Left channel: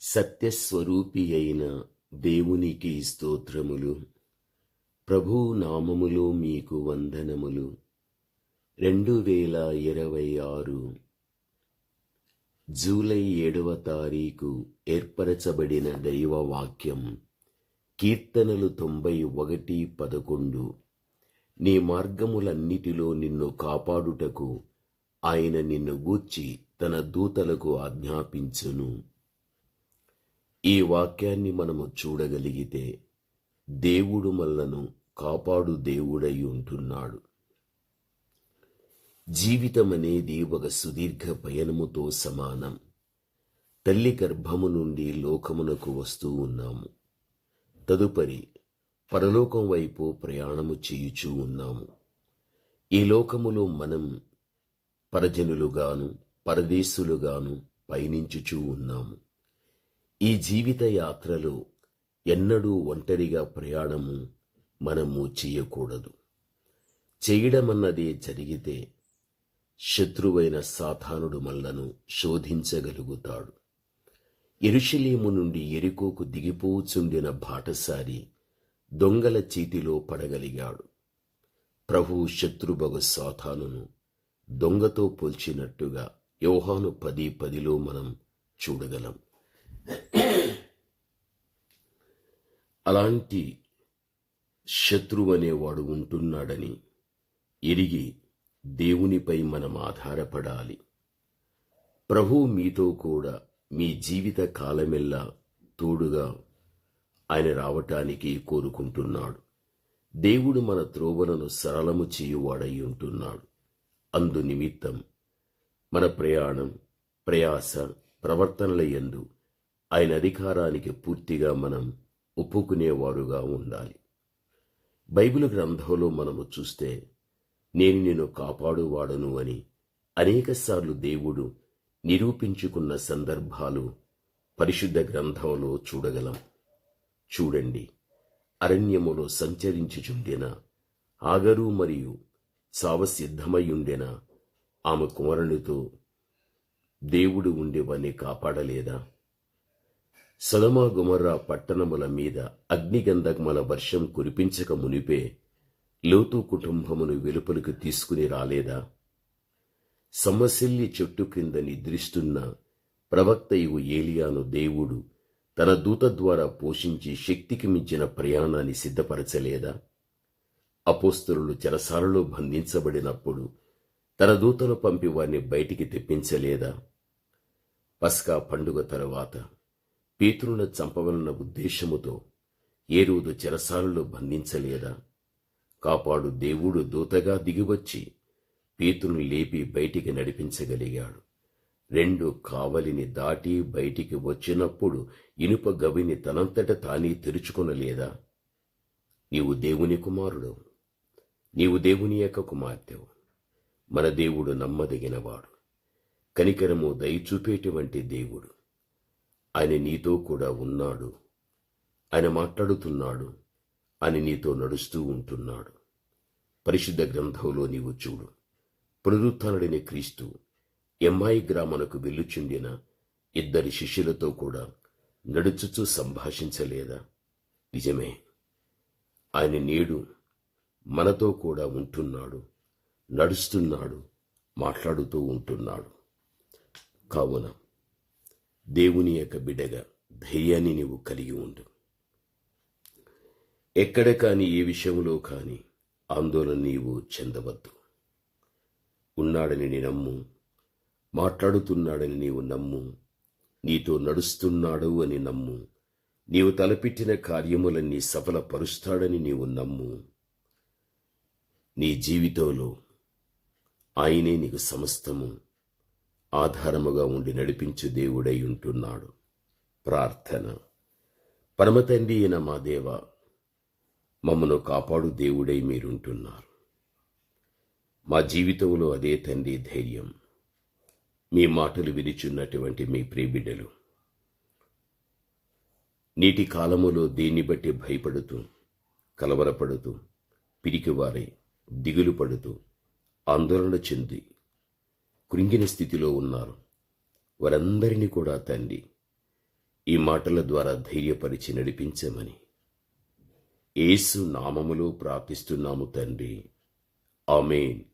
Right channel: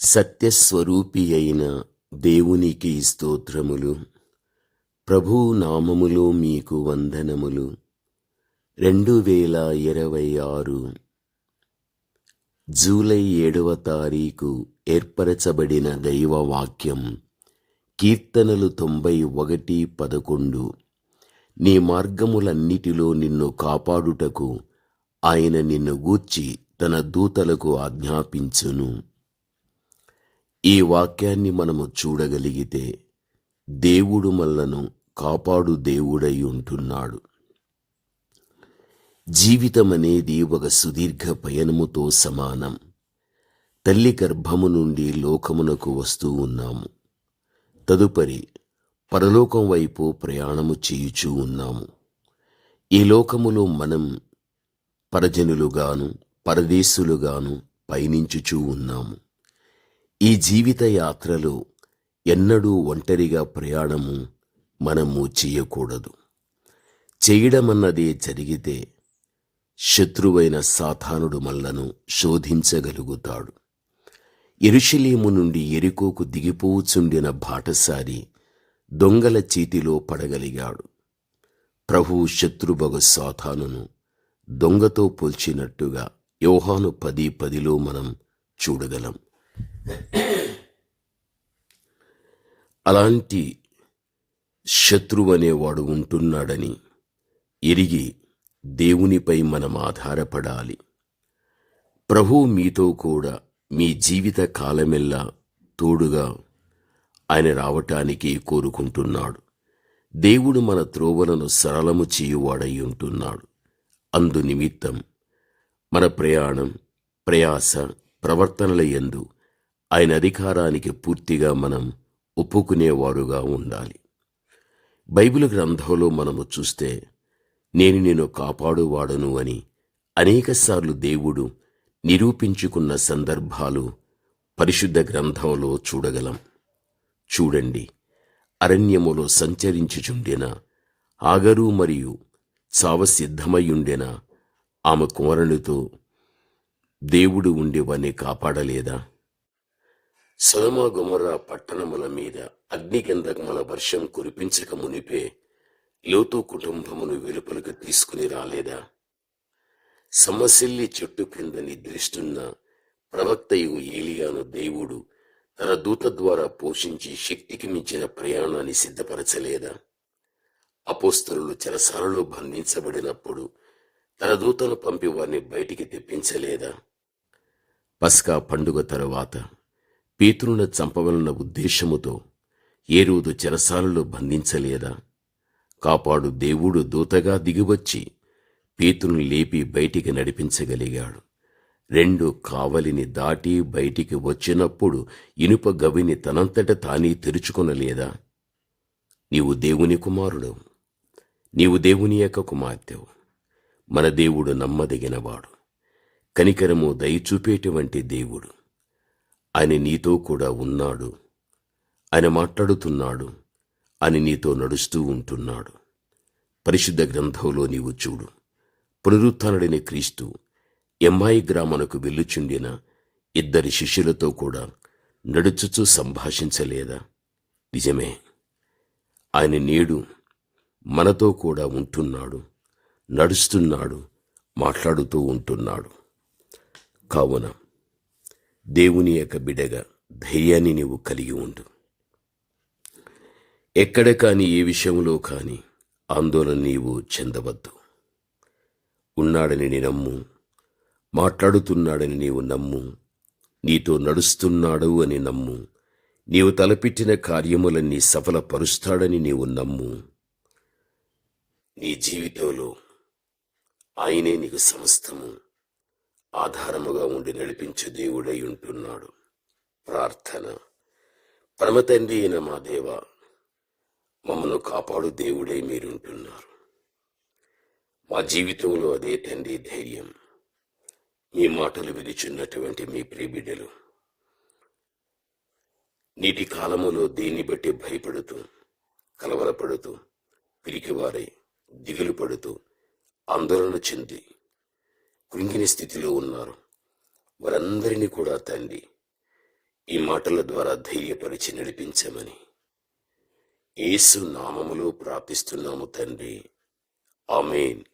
సత్యస్వరూపి అయిన దేవునికి స్తోత్రములు. ప్రభు నామములో మీకు వందనములు. 2026 జూలై 7వ తారీఖు ఏర్పరచబడిన దైవవాక్యం కీర్తనలు 91:11. నీ మార్గములన్నిటిలో నిన్ను కాపాడుటకు ఆయన నిన్ను గూర్చి తన దూతలకు ఆజ్ఞాపించును. ఈ వాక్యాన్ని మనము చూడగలిగితే దేవుడు మనలను కాపాడు దేవుడై ఉంటున్నాడు. జీవితం అనేది ఒక సుదీర్ఘ పయనముతో సమానం. తల్లి గర్భము నుండి లోకమునకు వస్తూ ఉన్నాము. తదుపరి పరలోకం వైపు ప్రయాణము చేయుచూ ఉన్నాము. ఈ లోకములో మనం పరజనులుగాను పరదేశులుగాను పయనించుచూ ఉన్నాము. ఈ జీవిత యాత్రలో ఎన్నడూ ఒంటరిగా ప్రయాణము మనము చేయకూడదు. చేయడమన్నదే జరిగితే శత్రువైన సాతానుడు మనలను శోధించగలుగుతాడు. యెరూషలేము నుండి యెరికోకు దిగిపోచుండిన బాటసారి దొంగల చేతిలో పడగలిగాడు. ప్రభువు శత్రువగు సాతానును దొంగతో పోల్చినట్టుగా యోహాను 10:10లో మనం చూడగలం. అలాంటి శత్రువు అనేవాడు ఉంటున్నాడని ఎరిగి దేవునిపై మనం ఆధారపడాలి. ప్రభువు మీతో కూడా మీ జీవిత కాలమెల్లా తోడుగా ఆయన రావటానికి కోరుకుంటున్నాడు. దేవుడు మన త్రోవలను సరళము చేయువాడై ఉంటున్నాడు. అందు నిమిత్తం మన ప్రయాణం, ప్రయాస, ప్రవర్తనల యందు ఆయన అధికారానికి పూర్తిగా మనం ఒప్పుకునేవారుగా ఉండాలి. బైబిల్ గ్రంథంలో మనము చూస్తే నేను నిన్ను కాపాడువాడను అని అనేకసార్లు దేవుడు నిరూపించుకున్న సందర్భాలు పరిశుద్ధ గ్రంథంలో చూడగలం. చూడండి, అరణ్యములో సంచరించుచుండిన హాగరు మరియు చావసిద్ధమయ్యుండెన ఆమె కుమారునితో దేవుడు ఉండి వారిని కాపాడలేదా? సొదొమ గొమొర్రా పట్టణముల మీద అగ్నిగంధకముల వర్షం కురిపించక మునిపే లోతు కుటుంబమును వెలుపలకు తీసుకుని రాలేదా? సమసిల్లి చెట్టు క్రింద నిద్రిస్తున్న ప్రవక్తయు ఏలియాను దేవుడు తన దూత ద్వారా పోషించి శక్తికి మించిన ప్రయాణాన్ని సిద్ధపరచలేదా? అపోస్తలులు చెరసాలలో బంధించబడినప్పుడు తన దూతను పంపి వారిని బయటికి తెప్పించలేదా? పస్కా పండుగ తరువాత పేతురును చంపవలన ఉద్దేశముతో హేరోదు చెరసాలలో బంధించలేదా? కాపాడు దేవుడు దూతగా దిగివచ్చి పేతురును లేపి బయటికి నడిపించగలిగాడు. 2 కావలిని దాటి బయటికి వచ్చినప్పుడు ఇనుప గవిని తనంతట తానే తెరుచుకొనలేదా? నీవు దేవుని కుమారుడు, నీవు దేవుని యొక్క కుమార్తెవు. మన దేవుడు నమ్మదగినవాడు, కనికరము దయచూపేటువంటి దేవుడు. ఆయన నీతో కూడా ఉన్నాడు, ఆయన మాట్లాడుతున్నాడు, ఆయన నీతో నడుస్తూ ఉంటున్నాడు. పరిశుద్ధ గ్రంథంలో నీవు చూడు, పునరుత్థానుడైన క్రీస్తు ఎమ్మాయి గ్రామమునకు వెళ్ళుచుండిన 2 శిష్యులతో కూడా నడుచుచూ సంభాషించలేదా? నిజమే, ఆయన నేడు మనతో కూడా ఉంటున్నాడు, నడుస్తున్నాడు, మాట్లాడుతూ ఉంటున్నాడు. కావున దేవుని యొక్క బిడ్డగా ధైర్యాన్ని నీవు కలిగి ఉండు. ఎక్కడ కానీ ఏ విషయంలో కానీ ఆందోళన నీవు చెందవద్దు. ఉన్నాడని నీ నమ్ము, మాట్లాడుతున్నాడని నీవు నమ్ము, నీతో నడుస్తున్నాడు అని నమ్ము, నీవు తలపెట్టిన కార్యములన్నీ సఫలపరుస్తాడని నీవు నమ్ము. నీ జీవితంలో ఆయనే నీకు సమస్తము ఆధారముగా ఉండి నడిపించు దేవుడై ఉంటున్నాడు. ప్రార్థన. పరమతండ్రి అయిన మా దేవ, మమ్మను కాపాడు దేవుడై మీరుంటున్నారు. మా జీవితంలో అదే తండ్రి ధైర్యం. మీ మాటలు విరిచున్నటువంటి మీ ప్రియబిడ్డలు నీటి కాలములో దేన్ని బట్టి భయపడుతూ, కలవరపడుతూ, పిరికివారై, దిగులు పడుతూ, ఆందోళన చెంది కృంగిన స్థితిలో ఉన్నారు. వారందరినీ కూడా తండ్రి ఈ మాటల ద్వారా ధైర్యపరిచి నడిపించమని యేసు నామములో ప్రార్థిస్తున్నాము తండ్రి. ఆమేన్.